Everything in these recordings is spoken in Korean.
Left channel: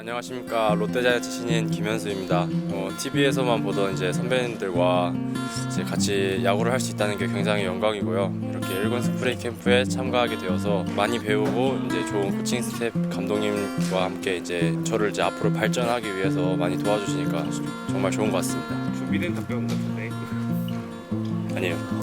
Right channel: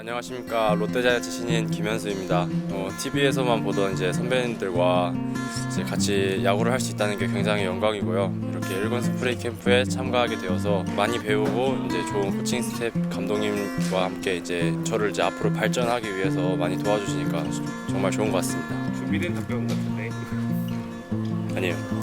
안녕하십니까 롯데자이언츠 신인 김현수입니다. 어, TV에서만 보던 이제 선배님들과 이제 같이 야구를 할 수 있다는 게 굉장히 영광이고요. 이렇게 일본 스프레이 캠프에 참가하게 되어서 많이 배우고 이제 좋은 코칭 스텝 감독님과 함께 이제 저를 이제 앞으로 발전하기 위해서 많이 도와주시니까 정말 좋은 것 같습니다. 준비된 답변 같은데 아니에요.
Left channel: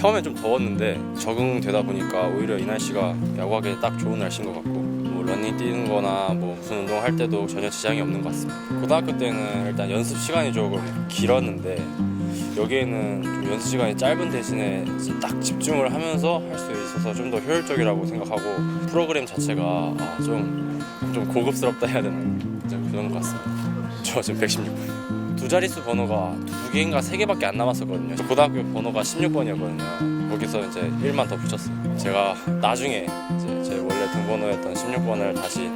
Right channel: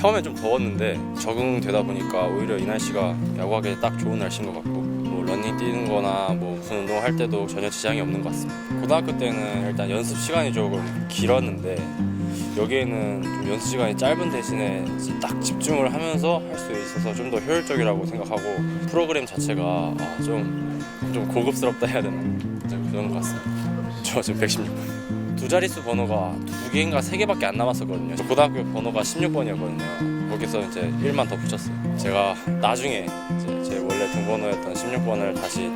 처음엔 좀 더웠는데 적응되다 보니까 오히려 이 날씨가 야구하기 딱 좋은 날씨인 것 같고 뭐 러닝 뛰는 거나 뭐 무슨 운동을 할 때도 전혀 지장이 없는 것 같습니다. 고등학교 때는 일단 연습 시간이 조금 길었는데 여기에는 좀 연습 시간이 짧은 대신에 딱 집중을 하면서 할 수 있어서 좀 더 효율적이라고 생각하고 프로그램 자체가 아, 좀, 좀 고급스럽다 해야 되나 좀 그런 것 같습니다. 저 지금 116번. 두 자릿수 번호가 두 개인가 세 개밖에 안 남았었거든요. 고등학교 번호가 16번이었거든요. 거기서 이제 1만 더 붙였어요. 제가 나중에 이제 제 원래 등번호였던 16번을 다시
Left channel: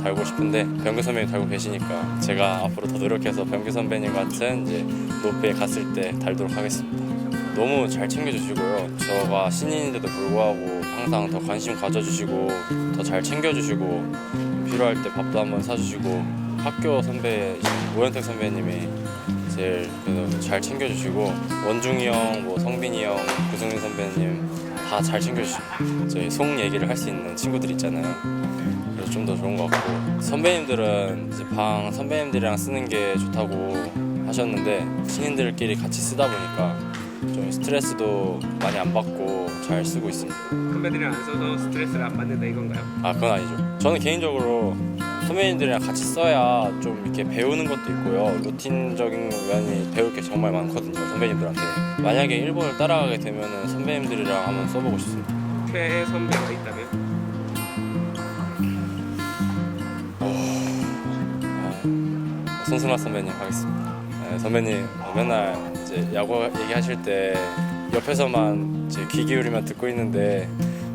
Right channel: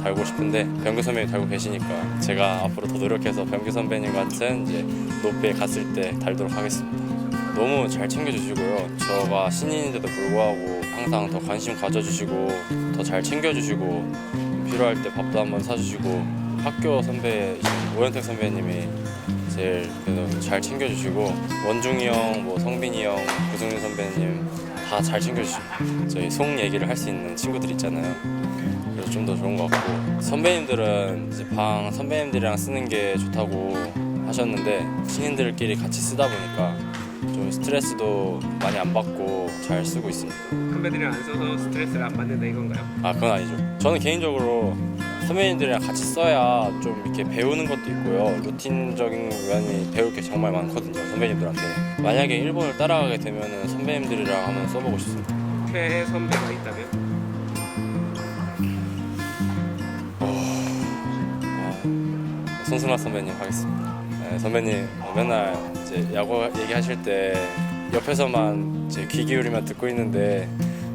달고 싶은데 병규 선배님 달고 계시니까 제가 앞으로 더 노력해서 병규 선배님 같은 이제 높이에 갔을 때 달도록 하겠습니다. 너무 잘 챙겨주시고요. 저가 신인인데도 불구하고 항상 더 관심 가져주시고 더 잘 챙겨주시고 필요할 때 밥도 한번 사주시고 학교 선배이신 오현택 선배님이 제일 그래도 잘 챙겨주시고 원중이 형, 뭐 성빈이 형, 구승민 선배님 다 잘 챙겨주십니다. 저희 송 얘기를 할 수 있는 친구들 있잖아요. 그래서 좀 더 좋은 것 같고 선배님들은 이제 방 선배님들이랑 쓰는 게 좋다고 하셨는데 신인들끼리 같이 쓰다 보니까 좀 스트레스도 많이 안 받고 잘 쓰고 있습니다. 선배들이랑 안 써서 스트레스를 안 받는다 이건가요? 아 그건 아니죠. 저는 개인적으로 선배님들이랑 같이 써야 좀 이렇게 배우는 것도 있고요. 루틴적인 면이 배울 게 정말 많거든요. 선배님들한테. 만약에 일본을 따라가게 되면은 선배님들이랑 한번 써보고 싶습니다. 최애 선배가 있다면? 아, 손승환 선배님 하겠습니다. 네, 선배님 어, 맨날 이제 야구 얘기하실 때 옆에서만 이제 귀 기울이면 듣고 있는데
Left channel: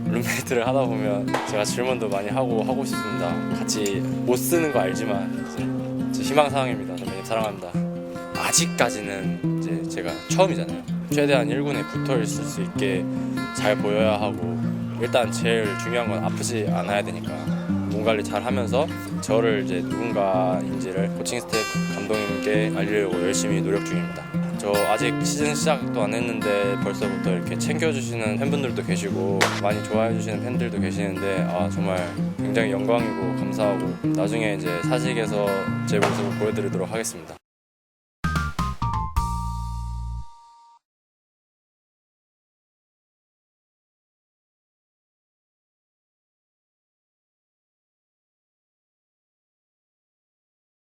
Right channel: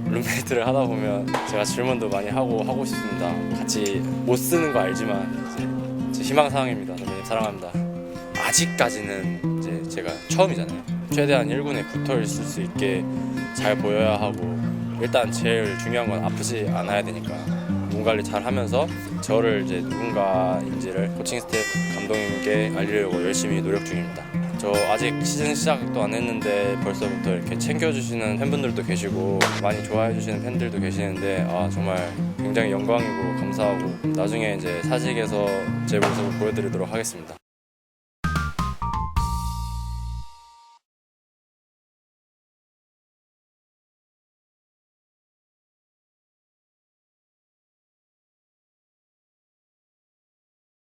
룸메이트를 하다 보면 제가 질문도 많이 하고 하고 싶습니다. 뭐 같이 못 쓰는 거 알지만 이제 제 희망 사항입니다. 선배님 사랑합니다. 아직까지는 이제 제가 처음이잖아요. 최대한 1군에 붙어 있을 수 있게 잘 보여야 하고 일단 제일 중요한 건 아프지 않아야 되니까 몸 관리 잘 하면서 저를 이제 누군가인지를 코칭 스텝 감독님께 알리려고 열심히 노력 중입니다. 저 아직 시즌 시작도 안 했는데 벌써부터 이렇게 챙겨주시는 팬분들도 계시고 많이 좋아해주시는 팬들도 계시는데 아 정말 굉장히 영광이고 감사하고 나중에 이제 사직에서 제 모습을 보여드리도록 하겠습니다.